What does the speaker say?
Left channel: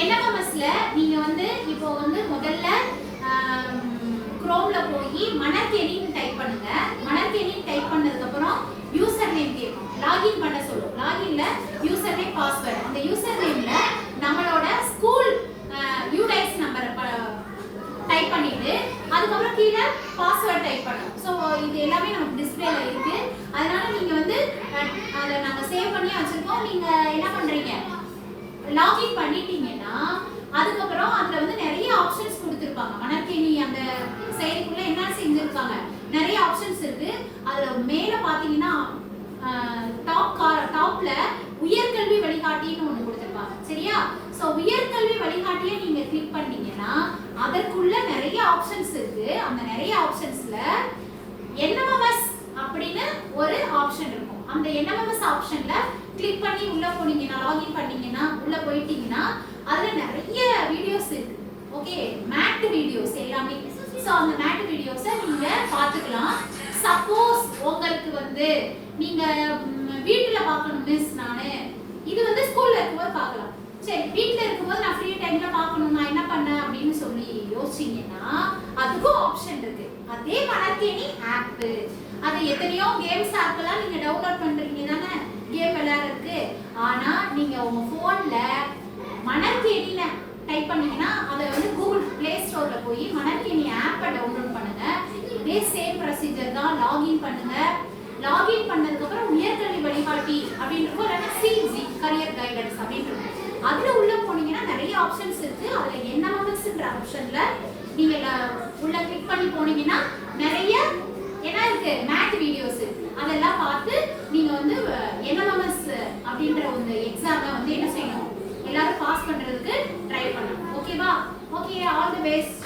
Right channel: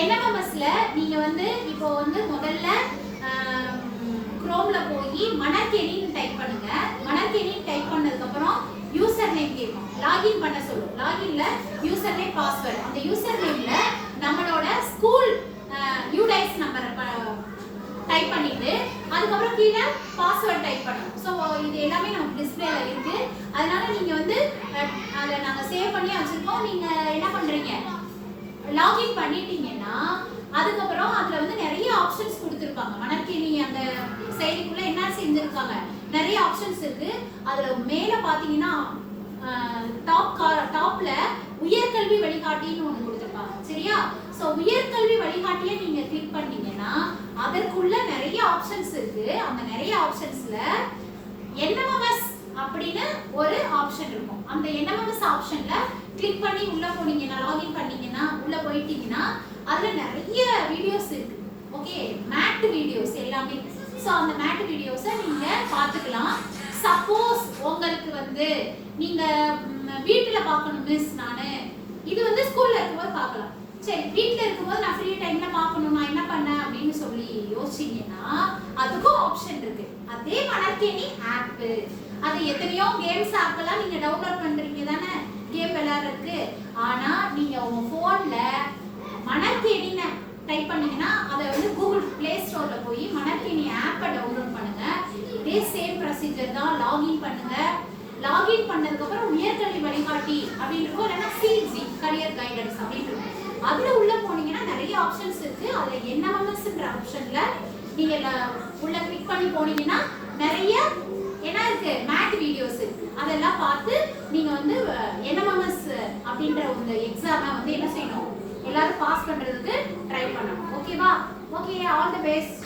என்எம்எம்எஸ்ல நீங்க வந்து இப்போ வந்து முதல்ல குரோம்ல போய் மணற்கேணின்னு டைப் பண்ணுங்க. மணற்கேணின்னு டைப் பண்ணதுக்கு அப்புறம் யூசர் நேம் கேட்கும், லாகின் பண்ண சொல்லும். லாகின்ல யூசர் நேம் பாஸ்வேர்டு, அந்த யூசர் நேம்ல நம்மளோட ஸ்கூல் யூடைஸ் நம்பரை டைப் பண்ணிட்டு அதுக்கப்புறம் கீழே பாஸ்வேர்ட் டைப் பண்ணணும். ஸோ இது எல்லாமே நமக்கு டிஸ்பிளேல இருக்கு. அதனால நீங்க வந்து அதை நாங்கள் சேவ் பண்ணி வச்சிருக்கோம். நீங்க என்ன பண்றீங்க, லாகின் பண்ணிட்டீங்கன்னா அதுக்கப்புறம் அதுல வந்து நிறைய ஆப்ஷன்ஸ் கொடுத்துருப்பாங்க. மணற்கேணி அந்த செயலிக்குள்ள என்ன செஞ்சிருக்காங்க, நிறைய ஆப்ஷன்ஸ் இருக்கு. அதுல மேல பாத்தீங்கன்னா டாப்ல உயர்கல்வி வழிகாட்டின்னு ஒண்ணு கொடுத்துருப்பாங்க. சரியா? ஸோ உயர்கல்வி வழிகாட்டியை நீங்க கிளிக் பண்ணீங்கன்னா அதற்குள்ள நிறைய ஆப்ஷன்ஸ் இருக்கு. அந்த நிறைய ஆப்ஷன்ஸ்ல என்எம்எம்எஸ் அப்படின்னு ஒரு ஆப்ஷன் இருக்கும். அந்த என்எம்எம்எஸ் ஆப்ஷன்ல கிளிக் பண்ணி உள்ள போனீங்கன்னா, லாகின் பண்ணீங்கன்னா, உள்ள போயிட்டீங்கன்னா அதுல நிறைய வீடியோஸ் இருக்கு. ஓகே, மேட் வீடியோஸ் எல்லாமே. ஸோ அந்த மேட் வீடியோஸை நீங்க பார்த்துக்கலாம். சப்போஸ் உங்களுக்கு வந்து நீங்க வீட்டுல பார்க்கணும் மிஸ், நானு இது வந்து ஸ்கூல்ல இருக்கும்போது பார்க்கலாம். சரி, வீட்டுல இருக்கும்போது நான் ஃப்ரீ டைம்ல பார்க்கணும், நான் என்ன பண்ணேன் அப்படின்னு சொல்லி யோசிச்சீங்கன்னா அதுக்கும் ஆப்ஷன் இருக்கு. அதே மணற்கேணி ஆப், அது எத்தனையோ கேம்ஸ் ஆப் எல்லாம் நீங்க டவுன்லோட் பண்றீங்க தானே, கேம் விளையாடுறதுக்கு. ஆனா நீங்க உங்க போன்ல மணற்கேணின்னு டைப் பண்ணீங்கன்னா அதை வந்து கூகுள் பிளே ஸ்டோர்ல போய் மணற்கேணி ஆப்பை டவுன்லோட் பண்ணுங்க. இதே சேம் ப்ரொசீஜர் தான். லாகின் பண்ணுங்க. லாகின் பண்ணதுக்கு அப்புறம் உயர்கல்வி வழிகாட்டி அப்படின்னு இருக்கும், இல்லைன்னா சிஜி கரியர் கைடன்ஸ் அப்படின்னு இருக்கும். அதுல உள்ள போனீங்கன்னா நிறைய ஆப்ஷன்ஸ் இருக்கு. அதுல என்எம்எம்எஸ்ன்ற ஆப்ஷன்ல நீங்க உள்ள கிளிக் பண்ணி போனீங்கன்னா நிறைய என்ன இருக்கு, மேட் வீடியோஸ் இருக்கு. அதெல்லாம் பார்த்து நீங்க வந்து என்எம்எம்எஸ் அப்படின்ற ஒரு எக்ஸாமை வந்து என்ன செய்யணும், எல்லாரும் பாஸ் பண்றதுக்கு ட்ரை பண்ணணும். ஓகேவா? Okay, all the best.